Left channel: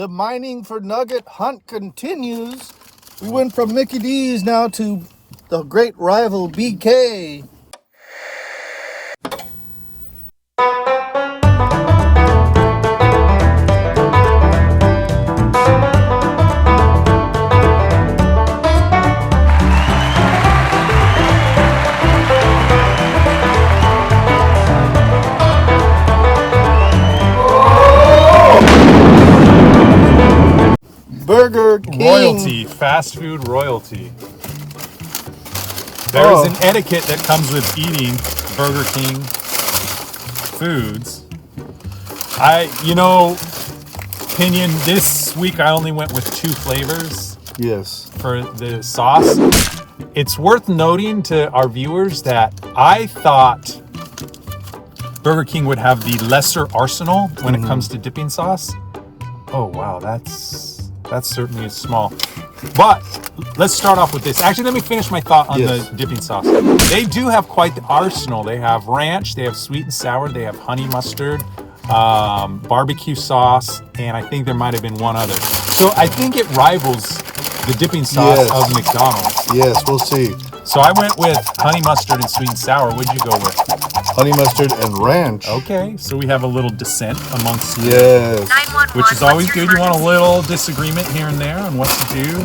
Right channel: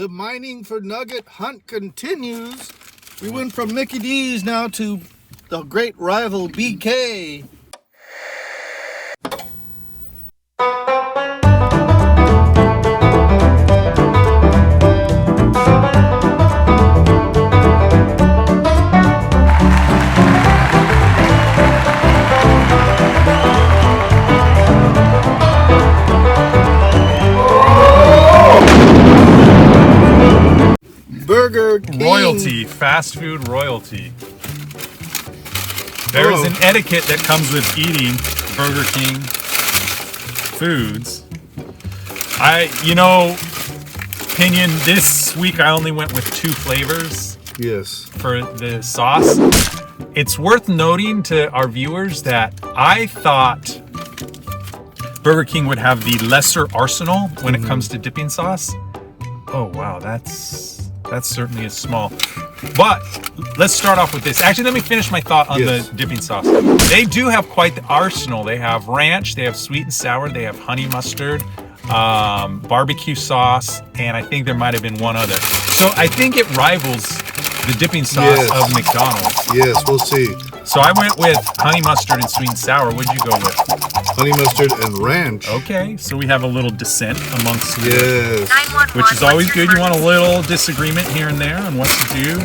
The mining for nugget hunt continues. We went from Mickey D's now to the great rival BK. Burger King. Royalty, fast food royalty. There's an etiquette that comes with eating Burger King foods. Pinion, this week I only went with 2 flavors. Yes. For the sauce. It's worth noting to our viewers that I thought Burger King would have the lesser arsenal when it comes to dipping sauce. Oh wow, that's certainly is small. But let's start off with this. Actually, let me finish my thought on the dipping sauce. They do have quite the arsenal. They have ranch, they have sweet and sour, they have honey mustard, barbecue sauce, and I think there might have been one other. So I think it rivals the dipping sauce of McDonald's. Yes, we'll see. So I went with honey mustard and sweet and sour. What'd you go with? Honey mustard and ranch. Okay, so we have a little dissent amongst which is always good. You want a little disagreement here and there on what to do.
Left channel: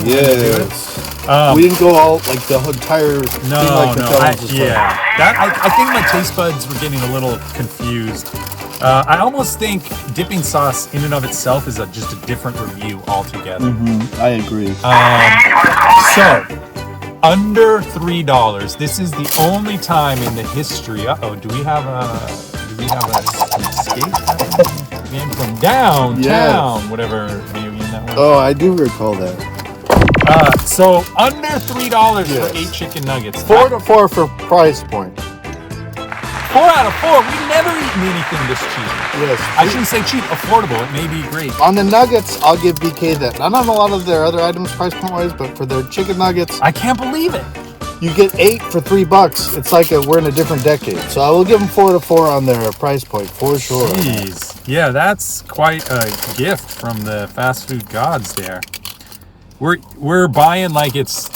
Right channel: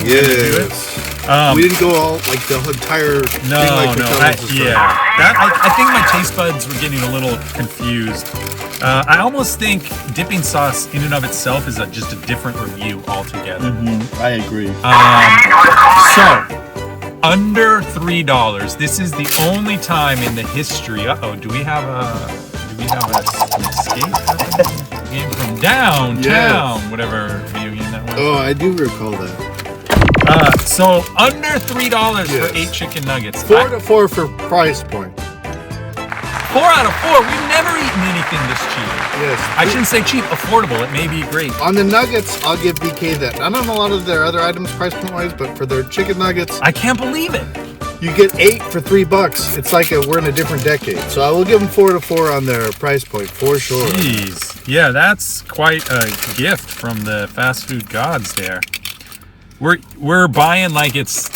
We didn't go all like the entire thing like McDonald's. I think my taste buds were getting a little confused. I almost think dipping sauce in and of itself is just a different review altogether. I agree. So under $3. This is the only time in the history. Do we have an escape game from downtown? Whatever video game that was. Oh, I do recall that. So under $3 for 8 chicken nuggets. 4 to 4 for price point. 4 out of 4. We've never eaten anything this cheap. Yes. I shouldn't say cheap, affordable. It may be great. On the nuggets, I'll give BK that. Not on a lot of their other items price point wise, but for their chicken nuggets, I can't believe it. you get 8 for $3. It's like we're in a different decade. So I will give them 4 to 4 on their price point for sure. Jeez. Yeah, that's quite a gift from the fast food gods there. We're buying like it's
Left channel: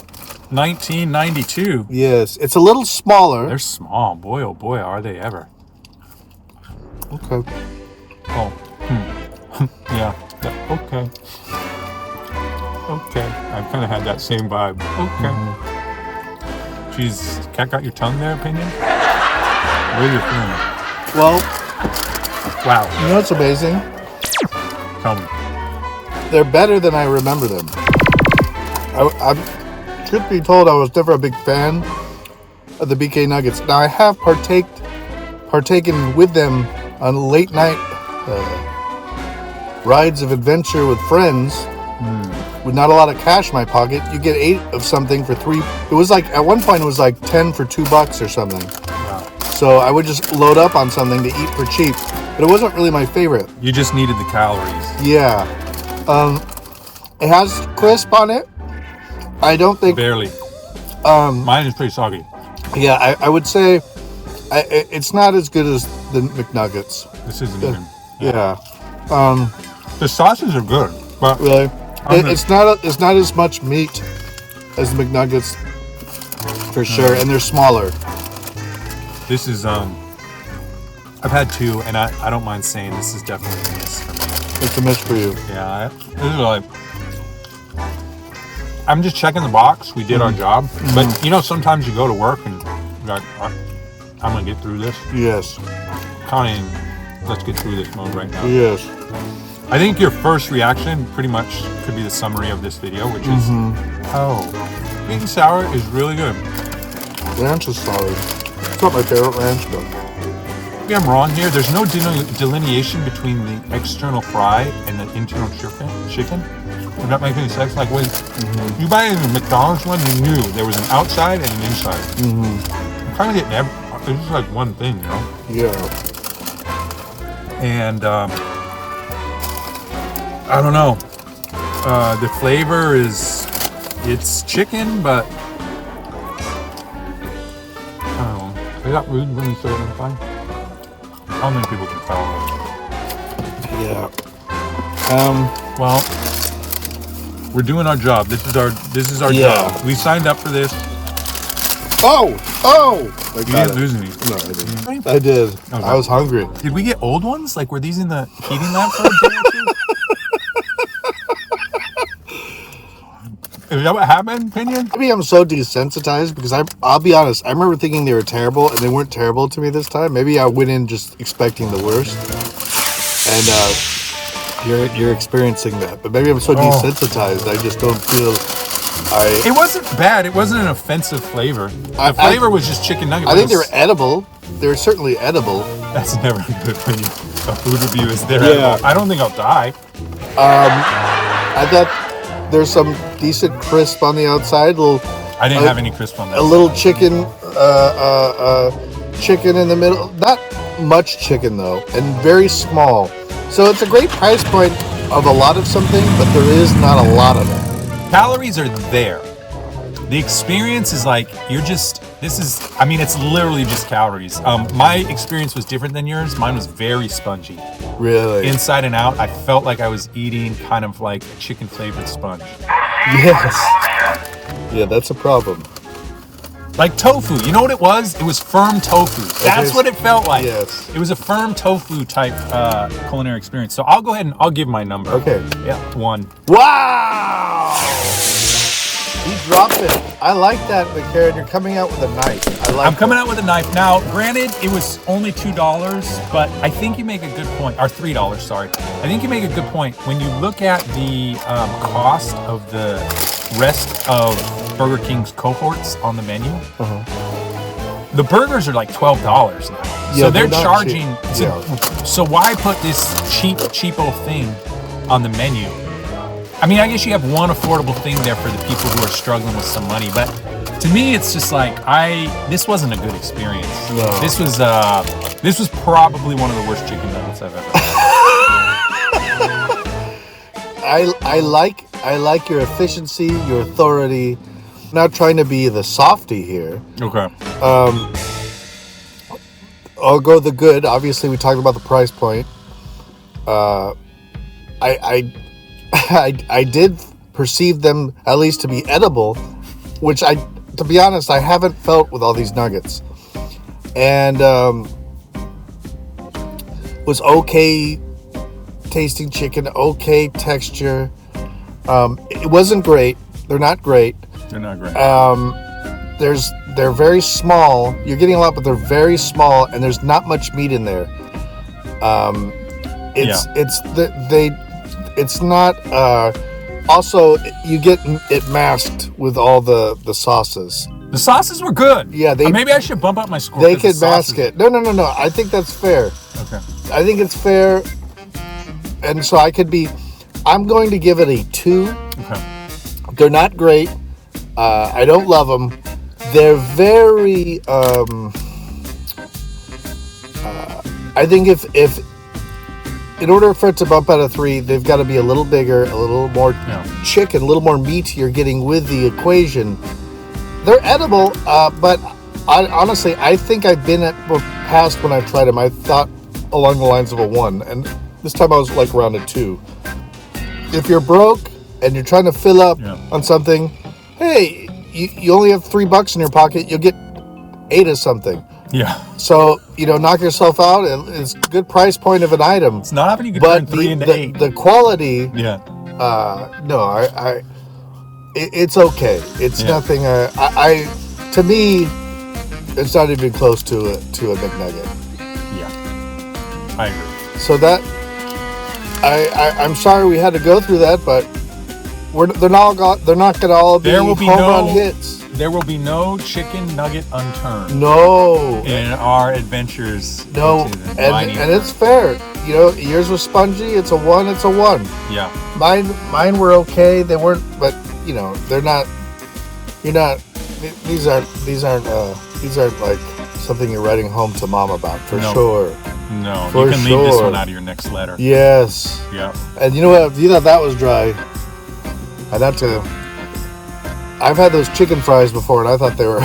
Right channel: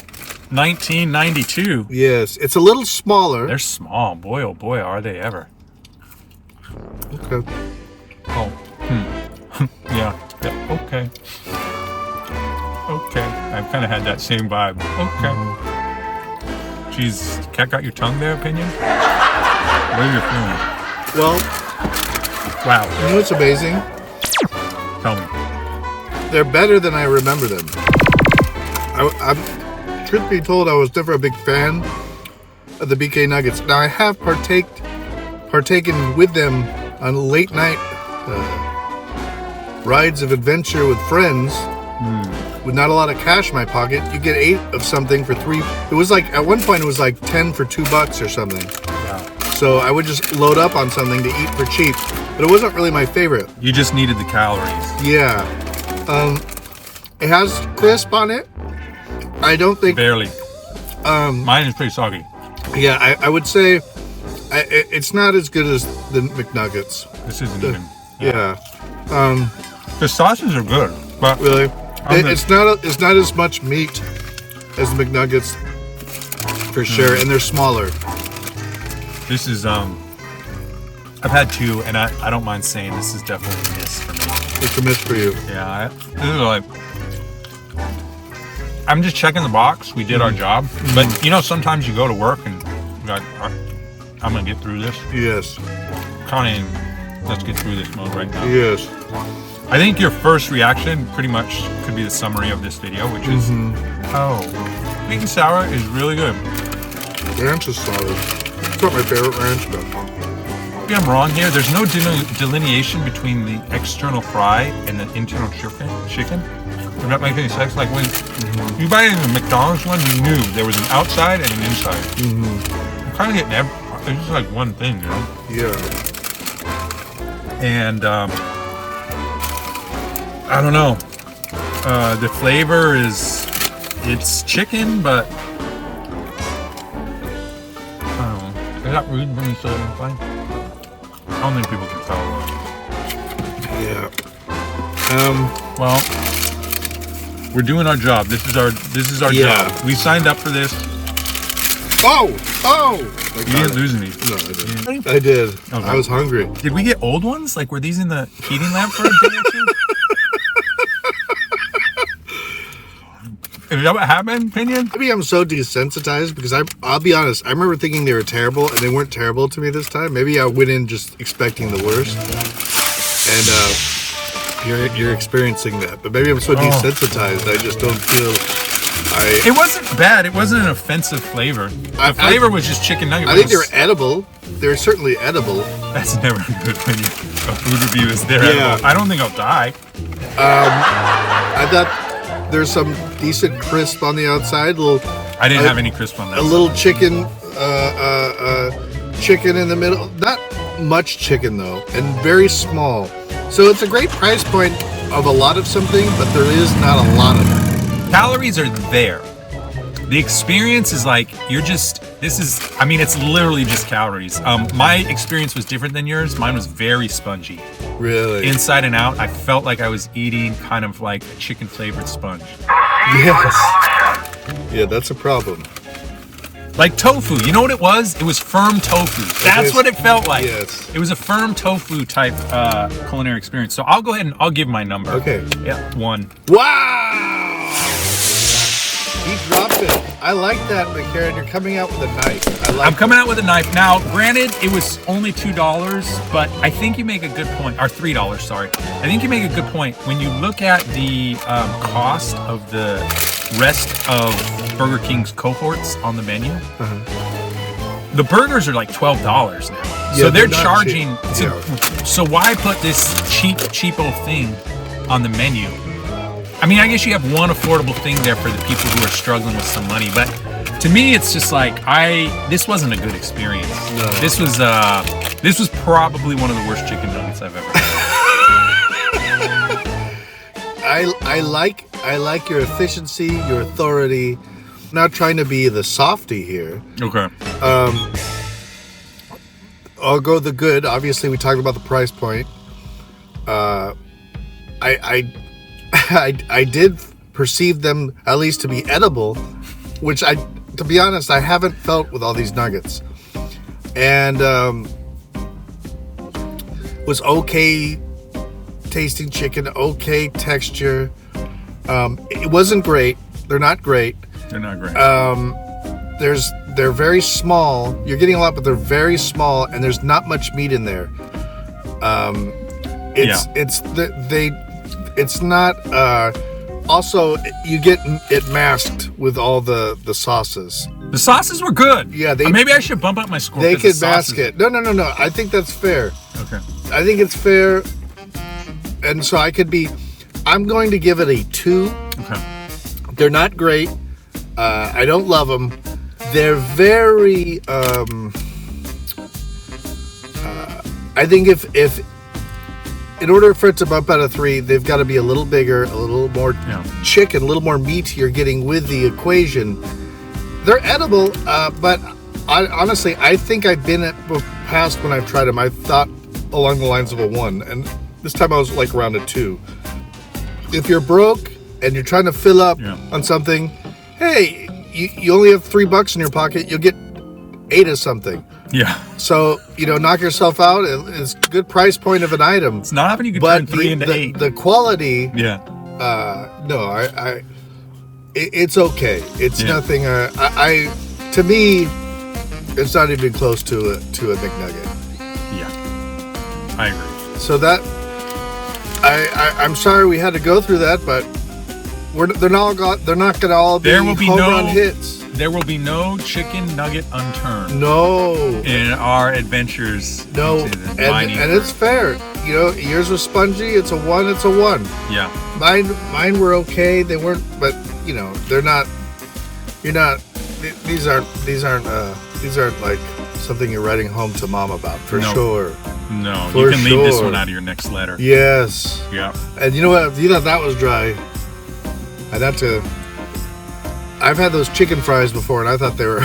1992. Yes, it's a little smaller. They're small. Boy, oh boy, are they ever. Okay. Oh. Yeah. Okay. Okay. I've kind of had that same vibe. Okay. Jeez, cat got your tongue there, Opinion? What are you feeling? Well, wow. you know what's amazing? Tell me. They're better than I remember them. I'm truth be told, I was never a big fan of the BK Nuggets. Now I have partaken with them on late night rides of adventure with friends. With not a lot of cash in my pocket. You get 8 of something for 3. It was like at one point it was like 10 for $2 or something. Wow. So I would just load up on something to eat for cheap, but it wasn't really my favorite. You just needed the calories. Yeah. It has crisp on it. I don't think barely. Mine is pretty soggy. Yeah, I would say it's not as good as the McNuggets. This isn't even. Yeah. The sauces are good, but really, it's not as much meat as the McNuggets for sure, and they're smaller. This is I've had 2, and I don't mind saying this is definitely a miss for me. It's a miss for you. Yeah, this is like. I'm just checking the box. We did our job. But, sometimes you go to work and you're like, I'm going to get through this. Yes. Connie, let's get through this mode right now. Yes. I think your first reaction pretty much could be the summary of this video, which is, sweet and sour is really good. Ranch is solid. It's not my favorite ranch, though. Maybe I'm wrong here. There's no delineation between the external fry and the internal chicken. Would that make any sense? Like when you buy the McDonald's one, you knew there was an outside and an inside. I'm kind of getting it's just like one thing, Yeah. And I don't know. The flavor it's chicken, but I don't know. Is that rude when you say it? I don't think people can tell. Yeah. Well, we're doing our job. This is our Yeah. job. We signed up for this. Oh! You didn't lose any. No, I didn't. I did. Okay. I was hungry. Did we get old ones? Like, were these in the heating lab for a day or two? Is that what happened, Pinion? Maybe I'm so desensitized because I'll be honest, I remember thinking they were terrible and they weren't terrible to me this time. Maybe I went in just expecting the worst. And you're experiencing that. But maybe I'm so desensitized I just don't feel It wasn't bad. It wasn't an offensive flavor. The flavor was just chicken nugget. I think they were edible. They're certainly edible. That's never good when a food review is there. Yeah. I don't think I'll die. I thought there's some decent crisp on the outside. I didn't have any crisp on that. A little chicken, chicken in the middle. Not much chicken though, and very small. So it's a great price point of a lot of something, but there is not a lot of it. Calories are there. The experience is like it's literally just calories. My experience was different than yours. Mine was very spongy. Really? Inside and out, I felt like I was eating kind of like a chicken flavored sponge. Yes. Yeah, that's a problem. Like tofu. You know what it was? It was firm tofu. That's what it felt like. Yes. It was a firm tofu type culinary experience. So I'll go ahead and I'll give my number. Okay. Yeah, 1. Wow! He dropped it. I like that, McCarran. You're coming out with a knife. I'm coming out with a knife. Now, granted, it was only $2, but I think you make a good point. Or $3, sorry. I think you make a good point. When you look at the cost of the rest of Burger King's cohorts on the menu, the burgers are like $12 now. Yeah, so they're not charging. cheap. So why put this cheapo thing on the menu? I mean, I guess you have one affordable thing there for the people who are struggling with some money, but to me, it's just like this wasn't a good experience. No. This was probably one of the worst chicken nuggets I've ever had. I like your efficiency, your authority. I'm not trying to be the softy here. Okay. I'll go the good. Obviously, we talked about the price point. I did perceive them at least to be edible, which to be honest, I haven't felt with all these nuggets. And was okay tasting chicken, okay texture. It wasn't great. They're not great. They're not great. They're very small. You're getting a lot, but they're very small, and there's not much meat in there. It's not. Also, you get it masked with all the sauces. The sauces were good. Yeah, maybe I should bump up my score. They 'cause could the sauces- mask it. No. I think that's fair. Okay. I think it's fair, and so I'm going to give it a 2. Okay. They're not great. I don't love them. They're very. I think if in order for it to bump out of 3, they've got to be a little bigger, a little more chicken, a little more meat you're getting with the equation. They're edible, but honestly, I think I've been at past when I've tried them. I thought along the lines of a 1, and this time I was like around a 2. If you're broke and you're trying to fill up on something, hey, you only have $3 in your pocket, you'll get 8 of something. Yeah. So, knock yourself out. It's a good price point of an item. It's not happening. You could turn 3 into 8. The quality. Yeah. No, it's okay. It's nothing. To me, it's not even close to a McNugget. Yeah. I agree. So that I'm sorry we had to go through that, but they're not going to all be home run hits. There will be no chicken nugget unturned. No. In our adventures. No. And it's fair. Yours was spongy. It's a 1. It's a 1. Yeah. Mine were okay. They weren't, but they're not. You're not. These aren't like something you're writing home to mom about for sure. No. You can leave this one out of your next letter. Yes. Yeah. And you know what? If you thought that was dry, I've had those chicken fries before, and I thought they were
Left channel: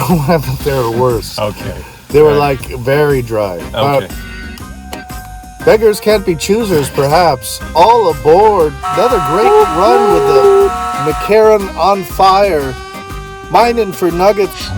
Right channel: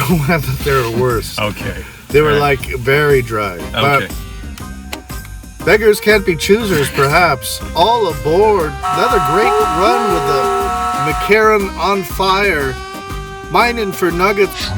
worse. Okay. They were like very dry. Okay. Beggars can't be choosers, perhaps. All aboard. Another great run with the McCarran on fire. Mining for nuggets.